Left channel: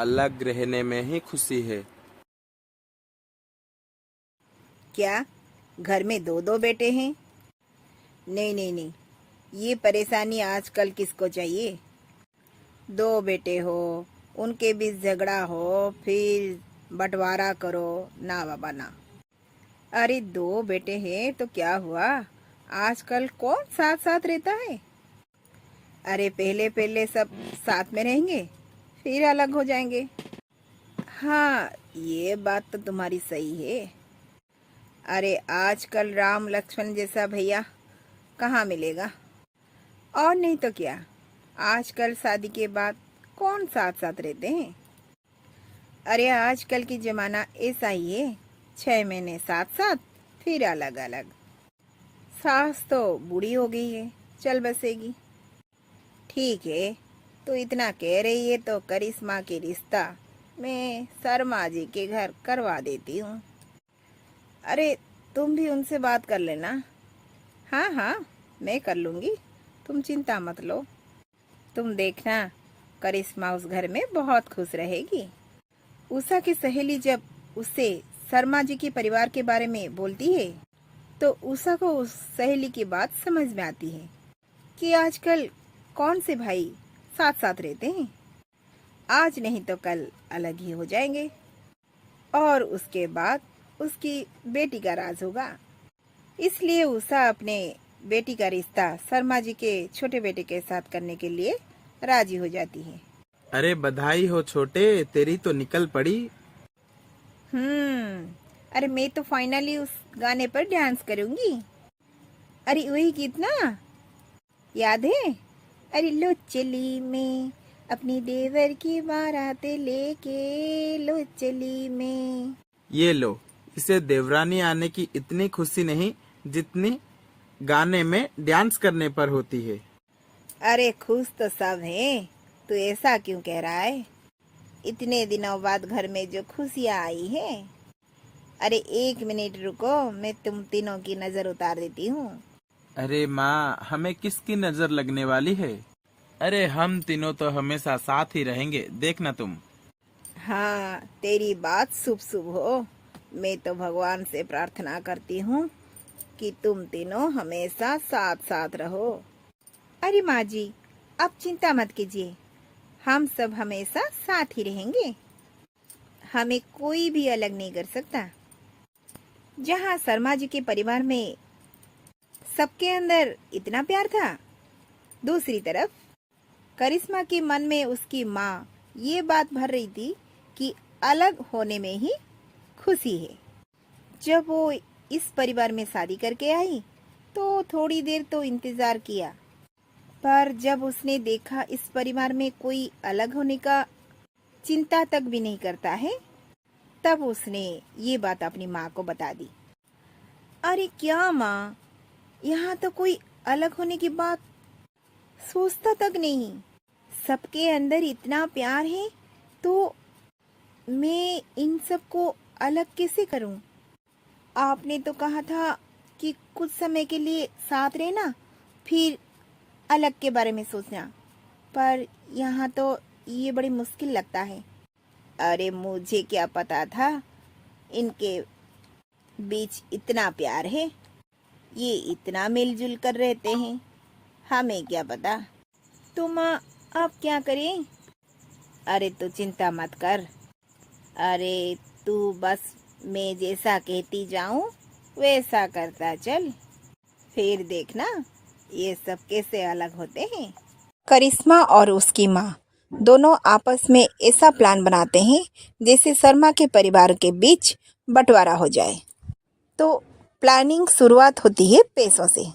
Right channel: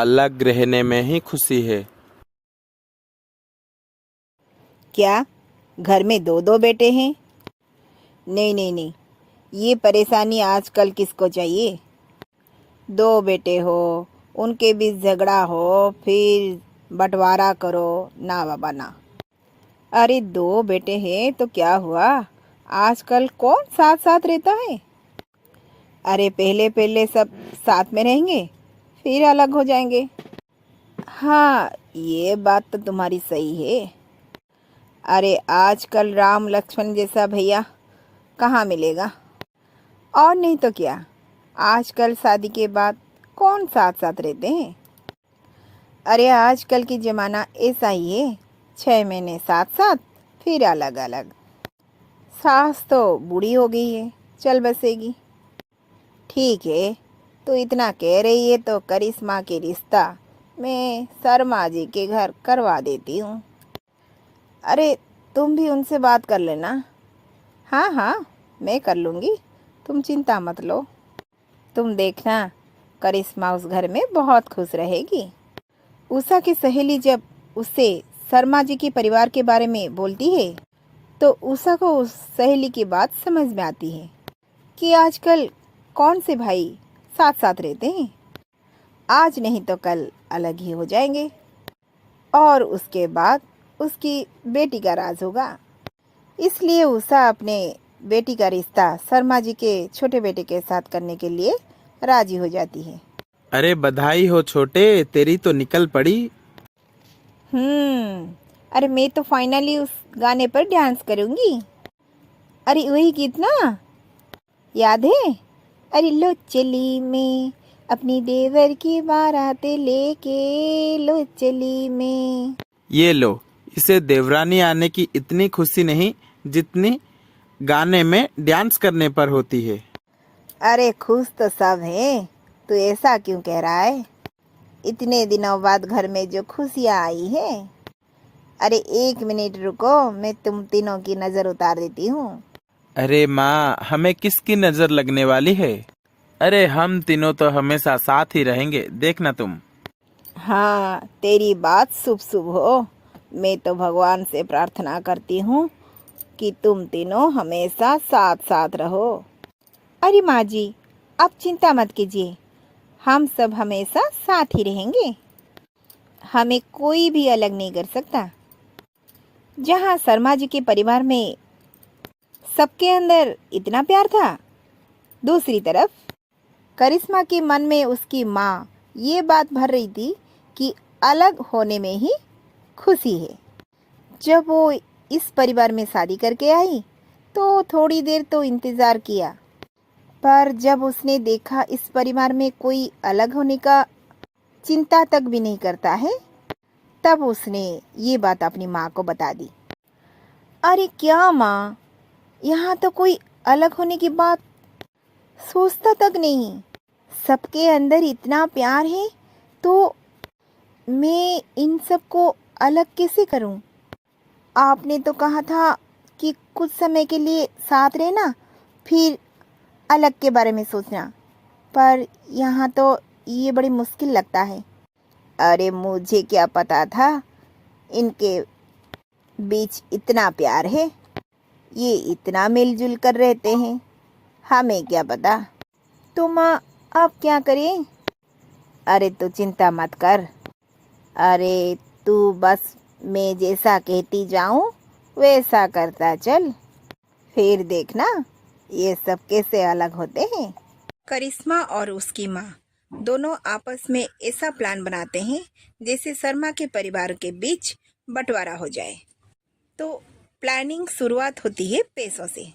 अलग रहने में ही खुशी है। क्या घर में दो दो बेटे हैं? नहीं नहीं नहीं, ये परेशानी आजकल किसको चाहिए। दो बेटे हो, उनके बीच झगड़ा हो, फिर बंटवारा करो, ना बाबा ना। अरे दो बेटे हैं तो क्या हुआ, आजकल कौन साथ साथ रहता है। अरे पहले पहले सब साथ में रहेंगे, फिर अलग हो जाएंगे। हाँ, ये बात तो तुम्हारी सही है। अरे आजकल राम लक्ष्मण जैसा भैया कहाँ मिलेगा। और नहीं तो क्या, आजकल शादी के बाद कौन साथ साथ रहते हैं। अरे आजकल की जमाना ऐसा ही है, 6 महीने साथ साथ, फिर अलग अलग। सास तो बूढ़ी हो गई है, चल बसेगी। ठीक है, तो इतना कह रही है तो करिश्मा के रिश्ता मैं शर्मा जी के घर करवा देती हूँ। अरे तुम भी उनसे बात कर लेना। हाँ हाँ, मैं कर लूँगी, तुम चिंता मत लो। तुम देखना, करिश्मा उस घर में बहुत खुश रहेगी। उषा की सहेली जब उससे शर्मा जी के परिवार के बारे में बोलती है तो उषा को उस सहेली की बात समझ में आती है कि आजकल कौन से भाई साथ साथ रहते हैं। आज नहीं तो कल अलग ही हो जाएंगे, और उसके बाद उसकी बेटी का राज होगा। इसलिए उषा अपने बेटी का रिश्ता शर्मा जी के छोटे बेटे के साथ करने के लिए राजी हो जाती है। अरे बधाई हो छोटे, तेरी तो निकल पड़ी। अरे मैं तो फाइनली उस गाने पर डांस करूंगी। अरे वही गीत ना, याद है। अरे लो चली मैं अपनी देवर की बारात लेके, लो चली मैं। ये लो, इसे देवरानी आने की इतनी खुशी नहीं जितनी गाने में डांस करने पर होती है। अरे खुश तो सब हैं, तू ऐसा क्यों कह रहा है। इतने दिनों बाद घर में जो खुशियाँ आई है। अरे 1 मिनट रुको, मैं तुम तीनों की नजर उतार देती हूँ। अरे माँ, हमें किसकी नजर लगने वाली है। अरे हम तीनों तो हमेशा साथ ही रहेंगे, देखना तुम। हाँ, तेरी बात शुभ शुभ हो। मैं तो भगवान से प्रार्थना करती हूँ कि तुम तीनों हमेशा साथ साथ रहो। अरे माँ जी, आप चिंता मत कीजिए, हम सब हमेशा साथ ही रहेंगे। हमें कोई भी अलग नहीं कर सकता। जहाँ शर्मा जी के परिवार में सबके अंदर इतना प्यार था, दूसरी तरफ करिश्मा के मन में उसकी माँ ये बात भर रही थी कि अलग होने में ही खुशी है। जब वो इस परिवार में शादी करके आई तो थोड़ी देर तो इंतजार किया, पर जब उसने देखा इस परिवार में कोई अलग होने का चिंता तक भी नहीं करता है, तब उसने ये बात अपनी माँ को बता दी। अरे क्या माँ, यहाँ तो कोई अलग होने की बात सोचता तक नहीं। सबके अंदर इतना प्यार है तो मैं इन सबको अलग कैसे करूं। आपने तो कहा था कि कुछ समय के लिए साथ रहना, फिर अलग के बारे में सोचना, पर यहाँ तो ये बड़ी मुश्किल लगता है। अरे मुझे क्या पता था इनके बीच इतना प्यार है, ये इतना मिलजुल कर रहते हैं, हमें क्या पता। तो माँ अब क्या करें। अरे तू चिंता मत कर। अरे तू बस मैं जैसा कहती जाऊं वैसा करता चल, फिर देखना ये सब कैसे अलग होते हैं। करिश्मा और उसकी माँ दोनों आपस में ऐसा प्लान बनाते हैं जैसे शर्मा के परिवार के बीच बंटवारा हो जाए। तो प्लानिंग शुरुआत होती है पैसों से।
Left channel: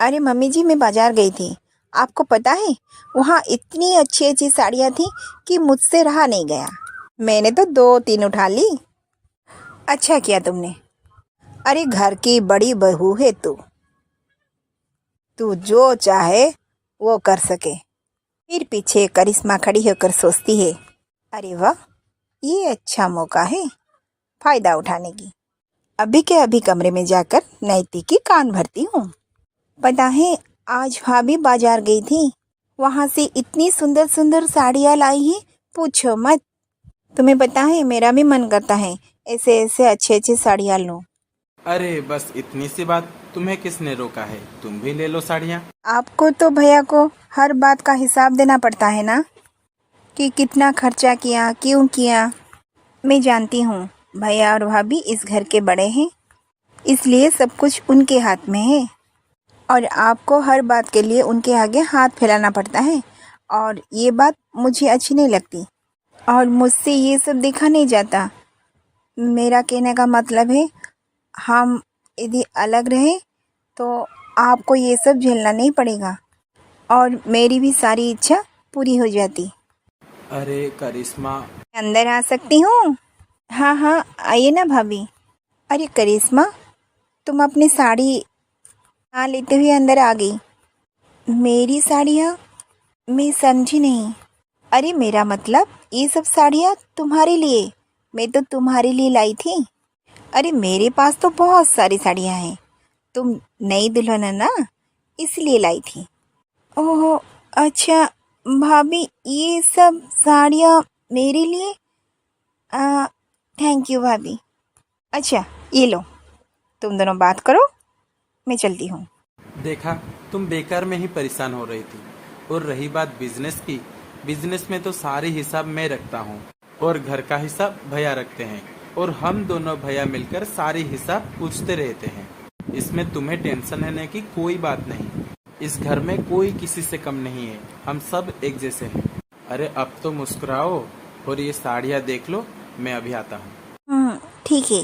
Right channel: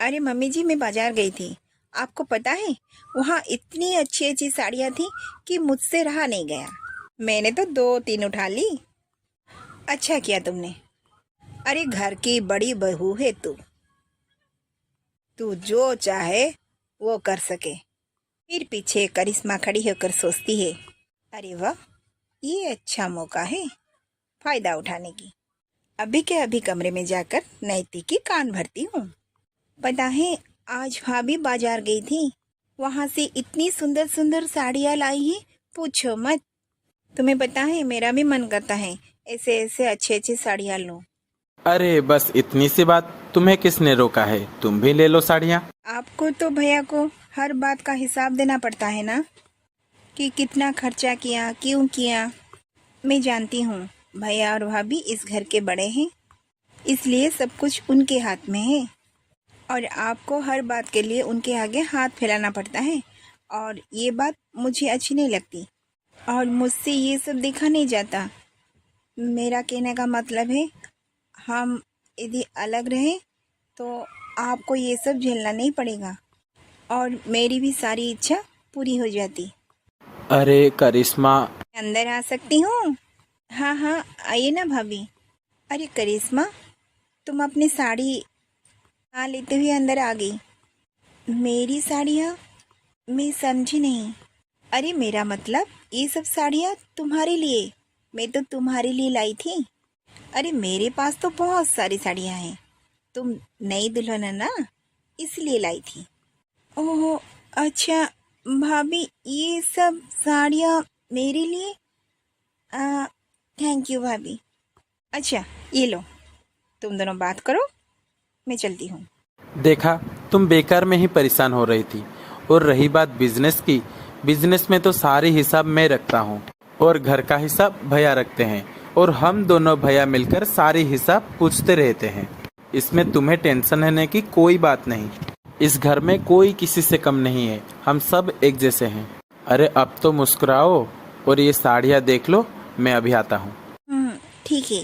अरे मम्मी जी, मैं बाजार गई थी, आपको पता है वहाँ इतनी अच्छी अच्छी साड़ियाँ थी कि मुझसे रहा नहीं गया। मैंने तो 2-3 उठा ली। अच्छा किया तुमने। अरे घर की बड़ी बहू है तू, तू जो चाहे वो कर सके। फिर पीछे करिश्मा खड़ी होकर सोचती है, अरे वाह, ये अच्छा मौका है फायदा उठाने की। अभी के अभी कमरे में जाकर नैति की कान भरती हूँ। पता है आज भाभी बाजार गई थी, वहां से इतनी सुंदर सुंदर साड़ियाँ लाई हैं, पूछो मत। तुम्हें पता है मेरा भी मन करता है ऐसे ऐसे अच्छे अच्छे साड़ियाँ लूं। अरे बस इतनी सी बात, तुम्हें किसने रोका है? तुम भी ले लो साड़ियाँ। आपको तो भैया को हर बात का हिसाब देना पड़ता है ना, कि कितना खर्चा किया, क्यों किया। मैं जानती हूँ भैया और भाभी इस घर के बड़े हैं, इसलिए सब कुछ उनके हाथ में है और आपको हर बात के लिए उनके आगे हाथ फैलाना पड़ता है, और ये बात मुझे अच्छी नहीं लगती और मुझसे ये सब देखा नहीं जाता। मेरा कहने का मतलब है, हम यदि अलग रहें तो आपको ये सब झेलना नहीं पड़ेगा और मेरी भी सारी इच्छा पूरी हो जाती। अरे करिश्मा, अंदर आ सकती हूँ? हाँ हाँ, आइए ना भाभी। अरे करिश्मा, तुम अपनी साड़ी ना लेते हुए अंदर आ गई। मेरी साड़ियाँ? मैं समझी नहीं। अरे मेरा मतलब ये सब साड़ियाँ तुम्हारे लिए, मैं तो तुम्हारे लिए लाई थी। अरे मेरे पास तो बहुत सारी साड़ियाँ हैं, तुम नई दुल्हन है ना, इसलिए लाई थी। ओह अच्छा भाभी, ये सब साड़ियाँ मेरे लिए? थैंक यू भाभी। अच्छा ये लो, तुम दोनों बात करो, मैं चलती हूँ। देखा, तुम बेकार में ही परेशान हो रही थी। और रही बात बिजनेस की, बिजनेस में तो सारी हिसाब मैं रखता हूँ और घर का हिसाब भैया रखते हैं, और हम दोनों भैया मिलकर सारी हिसाब पूछते रहते हैं। इसमें तुम्हें टेंशन लेने की कोई बात नहीं। इस घर में कोई किसी से कम नहीं है, हम सब एक जैसे हैं। अरे अब तो मुस्कुराओ और ये साड़ियाँ देख लो, मैं अभी आता हूँ। ठीक है।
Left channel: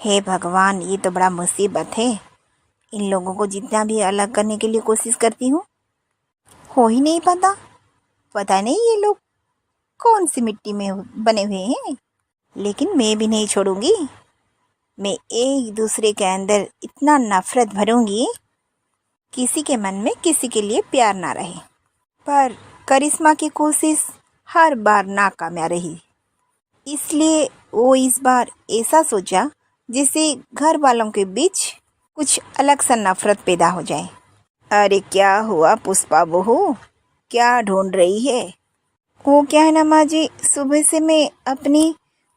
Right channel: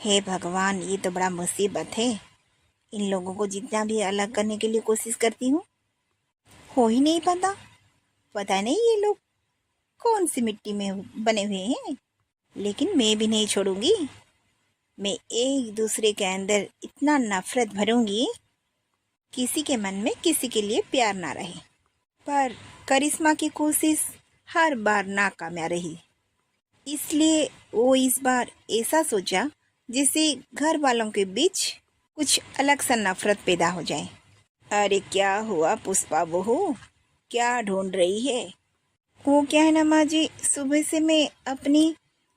हे भगवान, ये तो बड़ा मुसीबत है। इन लोगों को जितना भी अलग करने के लिए कोशिश करती हूँ, हो ही नहीं पाता। पता नहीं ये लोग कौन सी मिट्टी में बने हुए हैं, लेकिन मैं भी नहीं छोड़ूंगी। मैं एक दूसरे के अंदर इतना नफरत भरूंगी, किसी के मन में किसी के लिए प्यार ना रहे। पर करिश्मा की कोशिश हर बार नाकामयाब रही, इसलिए वो इस बार ऐसा सोचा जिससे घर वालों के बीच कुछ अलग सा नफरत पैदा हो जाए। अरे क्या हुआ पुष्पा बहू, क्या ढूंढ रही है? वो क्या है ना माँ जी, सुबह से मैं अपनी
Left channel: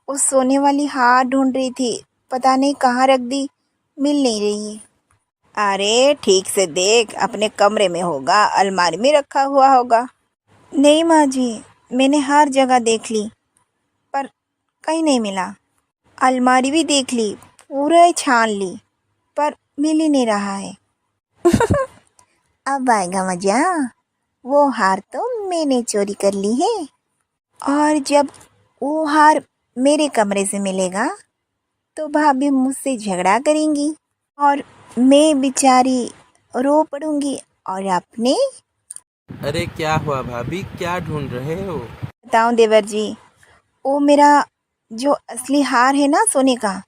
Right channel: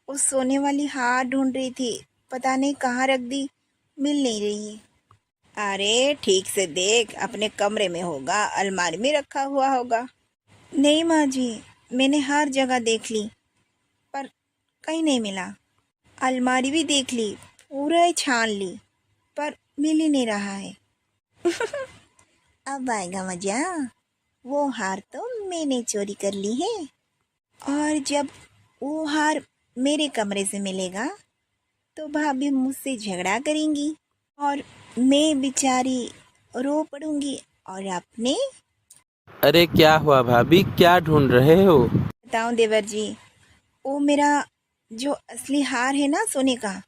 उस सोने वाली हार ढूंढ रही थी, पता नहीं कहाँ रख दी, मिल नहीं रही है। अरे ठीक से देख, अपने कमरे में होगा, अलमारी में रखा हुआ होगा। नहीं माँ जी, मैंने हर जगह देख ली पर कहीं नहीं मिला। अलमारी भी देख ली, पूरा छान ली, पर मिल ही नहीं रहा है। अब आएगा मजा। वो हार तो मैंने चोरी कर ली है, और जब वो हार मेरे कमरे से मिलेगा तो भाभी मुझसे झगड़ा करेंगी और मैं बेचारी रो पड़ूंगी। और आपने? अरे क्या हुआ भाभी, क्या ढूंढ रहे हो? बताऊं देवर जी, वो मेरा जो असली हार है ना सोने का,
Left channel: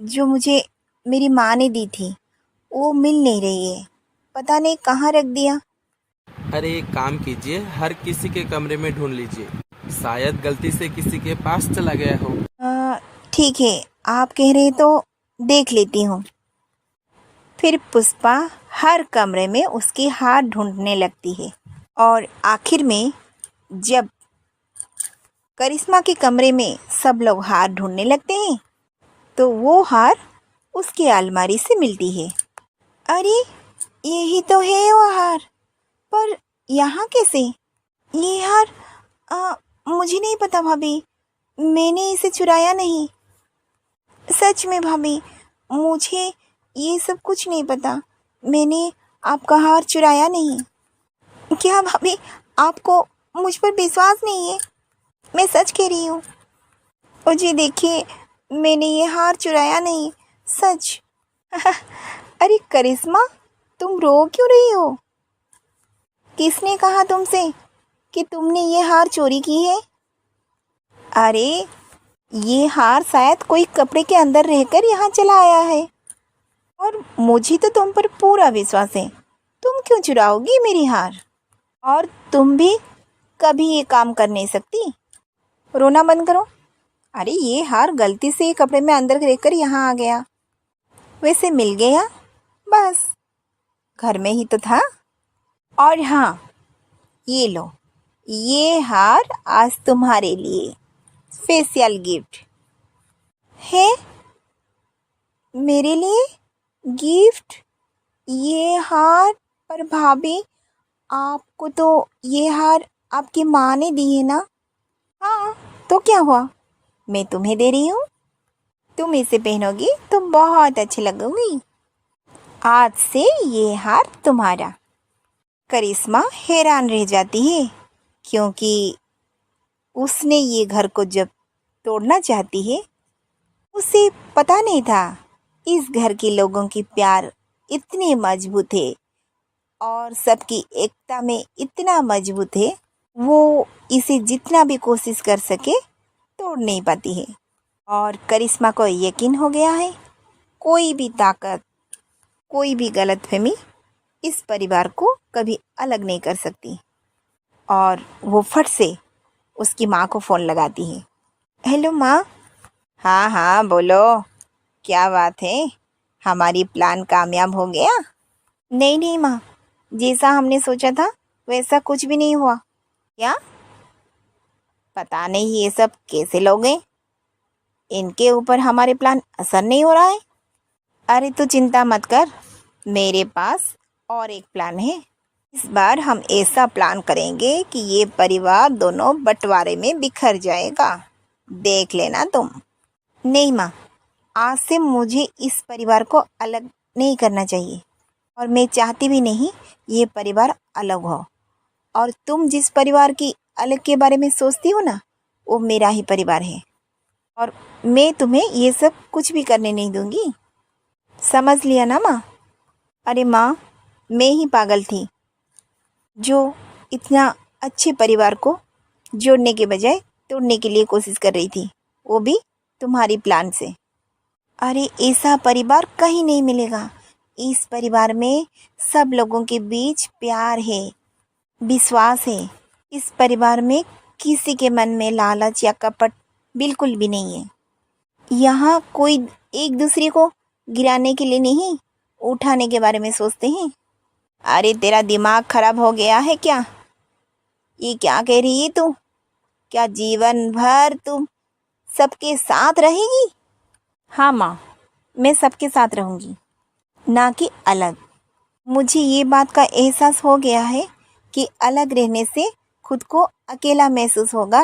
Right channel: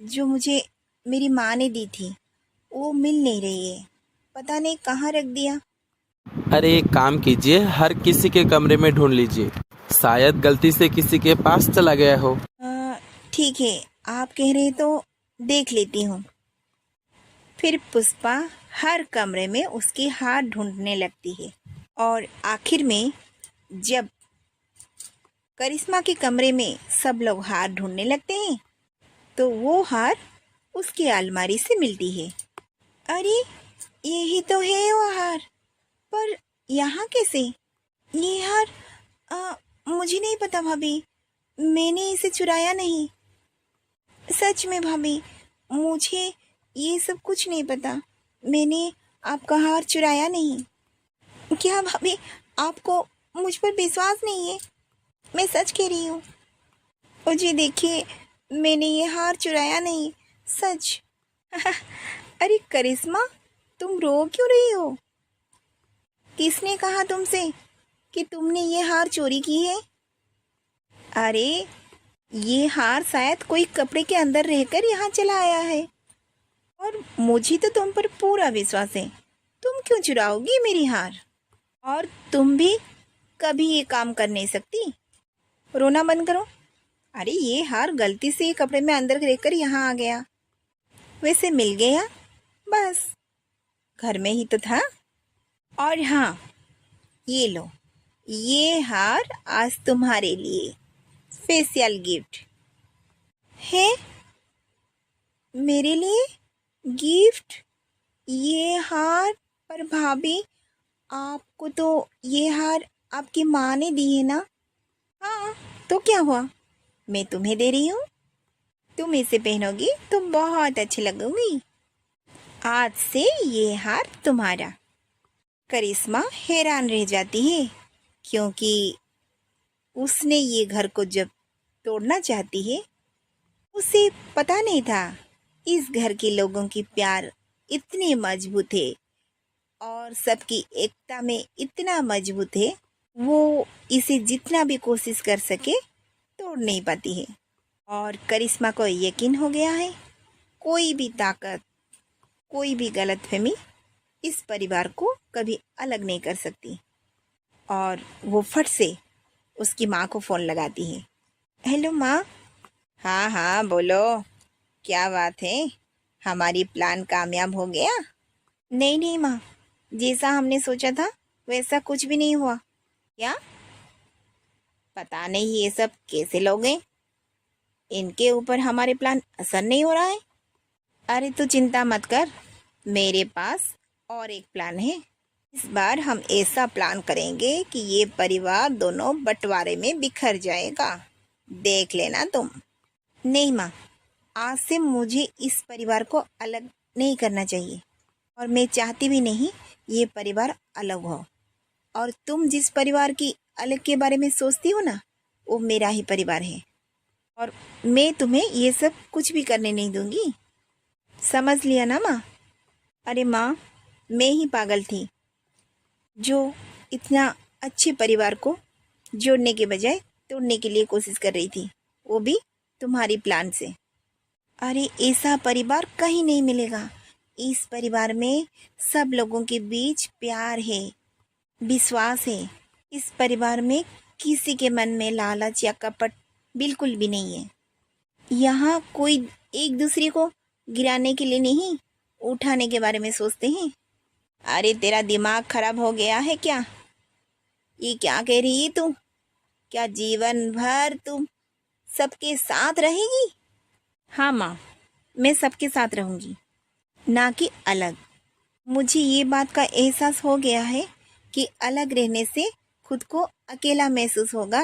जो मुझे मेरी माँ ने दी थी, वो मिल नहीं रही है, पता नहीं कहाँ रख दिया। अरे एक काम कीजिए, हर किसी के कमरे में ढूंढ लीजिए, शायद गलती से किसी के पास चला गया हो। ठीक है, आप कह रहे तो देख लेती हूँ। फिर पुष्पा हर कमरे में उसकी हार ढूंढने लगती है, और आखिर में जब करिश्मा के कमरे में सब लोग हार ढूंढने लगते हैं तो वो हार उसकी अलमारी से मिलती है। अरे यही तो है वो हार, पर यहाँ कैसे? ये हार मुझे नहीं पता भाभी, मैंने इसे चुराया नहीं। सच में भाभी, मुझे ये सब कुछ नहीं पता, मैंने आपका हार चुराया नहीं। क्या भाभी, आपको मुझ पर विश्वास नहीं है? मैं सच कह रही हूँ। ओ जी देखिए, मैंने ये हार चुराया नहीं, सच। अरे करिश्मा, तुम रो क्यों रही हो? किसने कहा तुमसे कि तुमने ये हार चोरी की है? अरे ये हार शायद कोई कपड़े के अंदर रहकर यहाँ चला आया है, और मुझे तो तुम पर पूरा विश्वास है। तुम क्यों चुराओगी मेरी हार? और तुम भी कभी ये काम कर नहीं सकती। रोना बंद करो। अरे ये हार गलती से कपड़े में अंदर रहकर यहाँ आ गया, वैसे मिल गया, बस घर में ही तो था। और हाँ, ये लो, ये हार आज तुम्हारे लिए। स्पेशल गिफ्ट है मेरे लिए। गिफ्ट? ये हार? पर भाभी, आपको तो ये हार आपकी माँ ने दी है ना। हाँ, तो क्या हुआ, मैं तुम्हें दे रही हूँ। तुम इसे पहनोगी तो बहुत अच्छी लगोगी। आज से ये हार तुम्हारा। करिश्मा हैरान रह जाती है, क्योंकि उसने ये घर को जब तोड़ना चाहती है, उसे पता नहीं था इस घर के लोगों की प्यार इतने मजबूत है और सबकी एकता में इतना मजबूत है, वो इसे जितना भी कोशिश कर सके तोड़ नहीं पाती है। और करिश्मा को यकीन हो गया है, कोई भी ताकत, कोई भी गलतफहमी इस परिवार को कभी अलग नहीं कर सकती। और वो फट से उसकी माँ को फ़ोन लगाती है। हेलो माँ। हाँ हाँ बोलो, क्या बात है, हमारी प्लान कामयाब हो गया? नहीं नहीं माँ, जैसा हमने सोचा था वैसा कुछ भी नहीं हुआ। क्या? पता नहीं ये सब कैसे लोग हैं, इनके ऊपर हमारे प्लान असर नहीं हो रहा है। अरे तू चिंता मत कर, मेरे पास और एक प्लान है। इस बार हम ऐसा प्लान करेंगे कि ये परिवार दोनों बंटवारे में बिखर जाएगा, देख लेना तुम। नहीं माँ, आज से मुझे इस परिवार को अलग नहीं करना चाहिए और मैं चाहती भी नहीं ये परिवार अलग हो। और तुम जिस परिवार की अलग के बारे में सोचती हो ना, वो मेरा ही परिवार है और मैं तुम्हें ये सब कुछ भी करने नहीं दूंगी। समझ लिया ना माँ? अरे माँ, मैं ही पागल थी जो इतना अच्छे परिवार को जोड़ने के बजाय तोड़ने के लिए कोशिश कर रही थी, वो भी तुम्हारी प्लान से। अरे ऐसा परिवार कहीं नहीं मिलेगा। इस परिवार में सब लोगों के बीच प्यार है, विश्वास है। इस परिवार में किसी के मन में लालच या कपट बिल्कुल भी नहीं है। यहाँ कोई एक दूसरे को गिराने के लिए नहीं, उठाने के बारे में सोचते हैं। अरे तेरा दिमाग खराब हो गया है क्या? ये क्या कह रही है तू? क्या जीवन भर तुम सबके साथ रहेगी? हाँ माँ, मैं सबके साथ रहूँगी, ना कि अलग। मुझे ये बात का एहसास हो गया है कि अलग रहने से खुद को अकेला महसूस होगा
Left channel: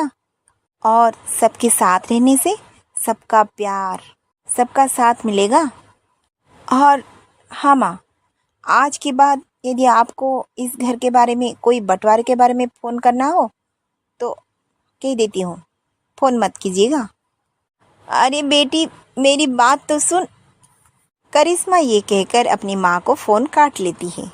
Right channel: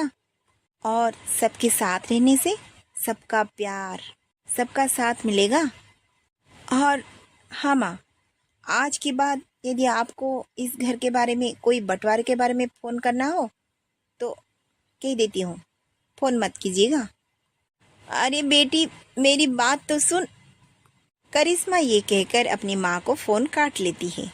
और सबके साथ रहने से सबका प्यार, सबका साथ मिलेगा। और हाँ माँ, आज के बाद यदि आपको इस घर के बारे में, कोई बंटवारे के बारे में फ़ोन करना हो तो कह देती हूँ, फ़ोन मत कीजिएगा। अरे बेटी, मेरी बात तो सुन। करिश्मा ये कहकर अपनी माँ को फ़ोन काट लेती है।